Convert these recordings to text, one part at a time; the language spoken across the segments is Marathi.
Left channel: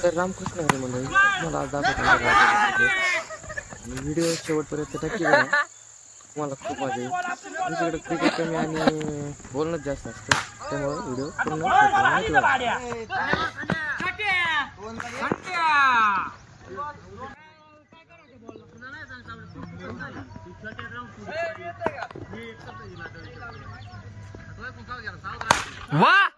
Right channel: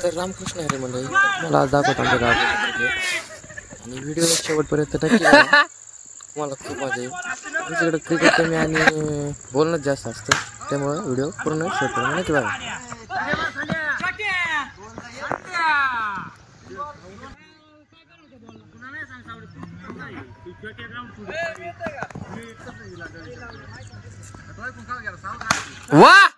तर रामकृष्ण हरी मंडळी, मला आज दाखवतो आमच्या गावात आणि व्हिडिओ शेवटपर्यंत नक्की बघा. मला खूप मजा येईल. आमच्याकडे क्रिकेट कमी आणि बोलणंच जास्त असतं, त्यामुळे व्हिडिओ पूर्ण शेवटपर्यंत नक्की बघा. वाह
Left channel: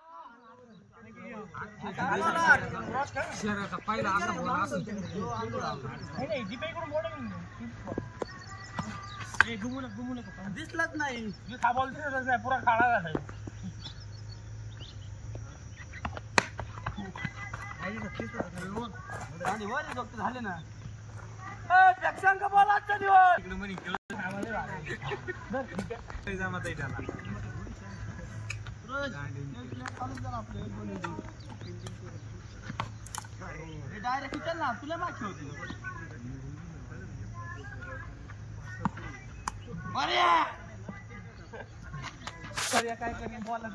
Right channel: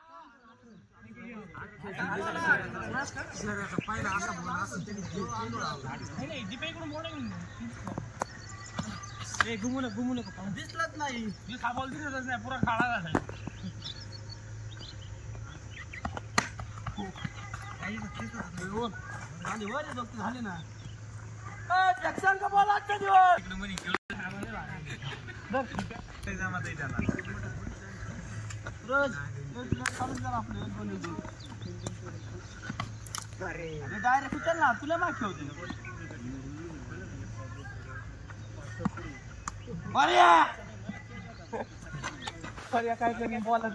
दिसलंच नाही पुरा काळा झाला. झाले ना का बॉल आजचा दिवस डायरेक्ट उचल ना, तुला मागची होती. काय पण बॉलर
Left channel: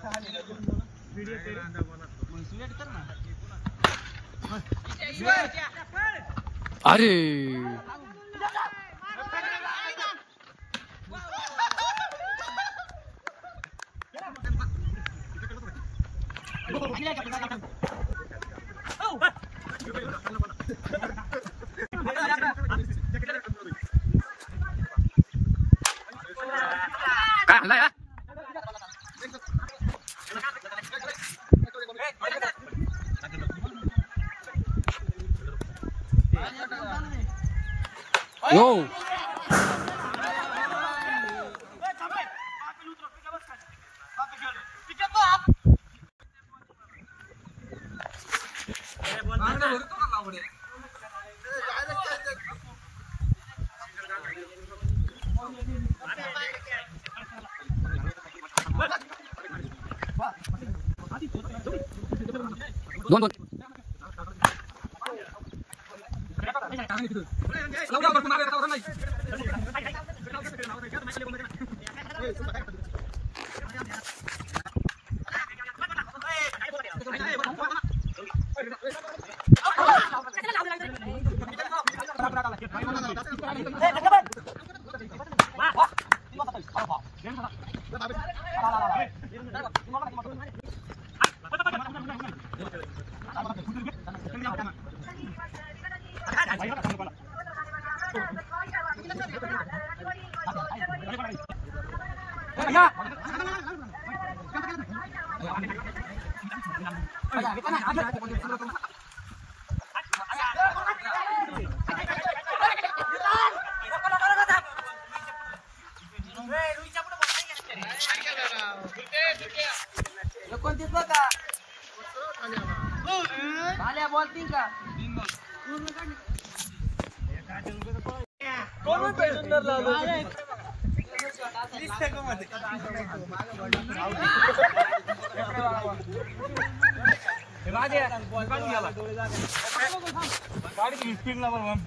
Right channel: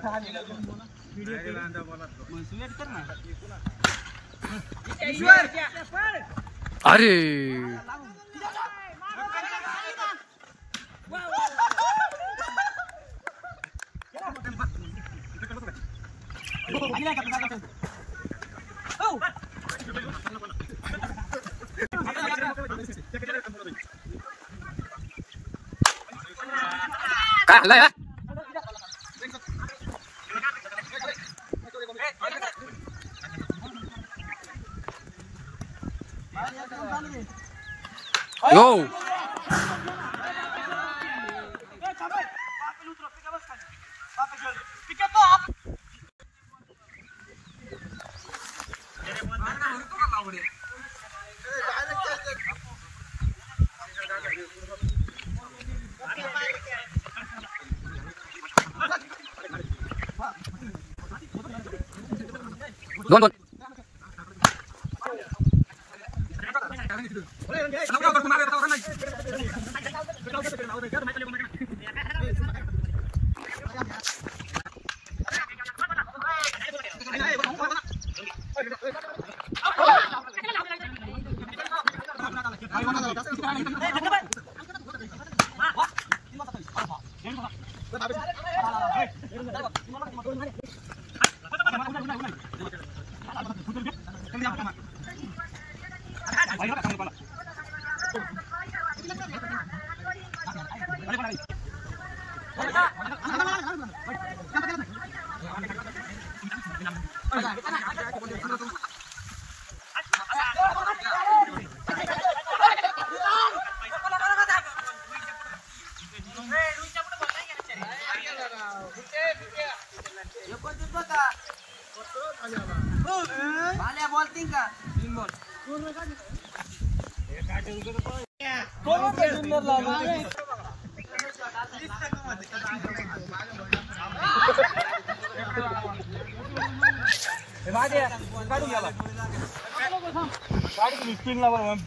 व्हिडिओ कर ना. अरे काय हल्लाय यो दोन दोन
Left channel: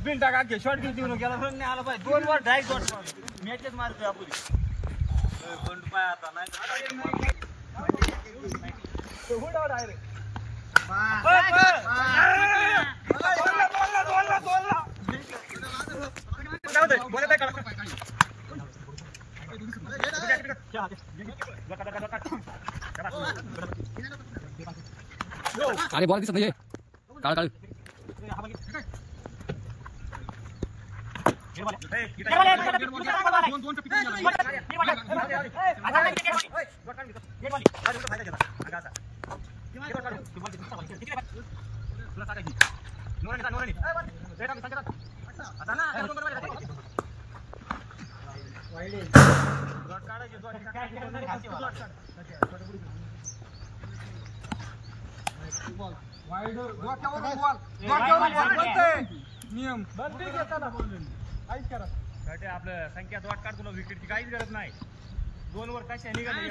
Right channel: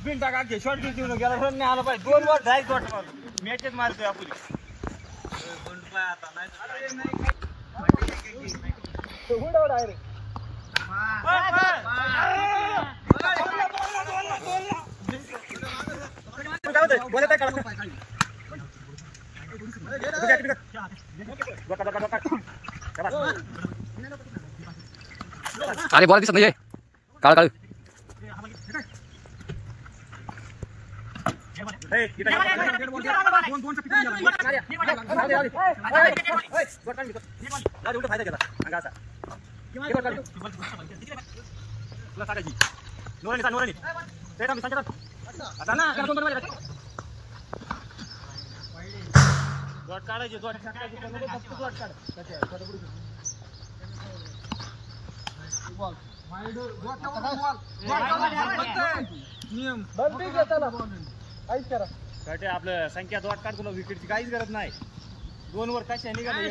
बिल टाका शॉर्ट घेऊन गेला नाही आला पाहिजे. 2 वर डायरेक्ट शॉट मॅचच मारतोय आपण. अरे बॉल दिसत नाहीये, काळ काळ नियम आपलं संख्या दोट काढ, तुला विकेटची काहीच गरज नाही. 2 वर कशा निघाले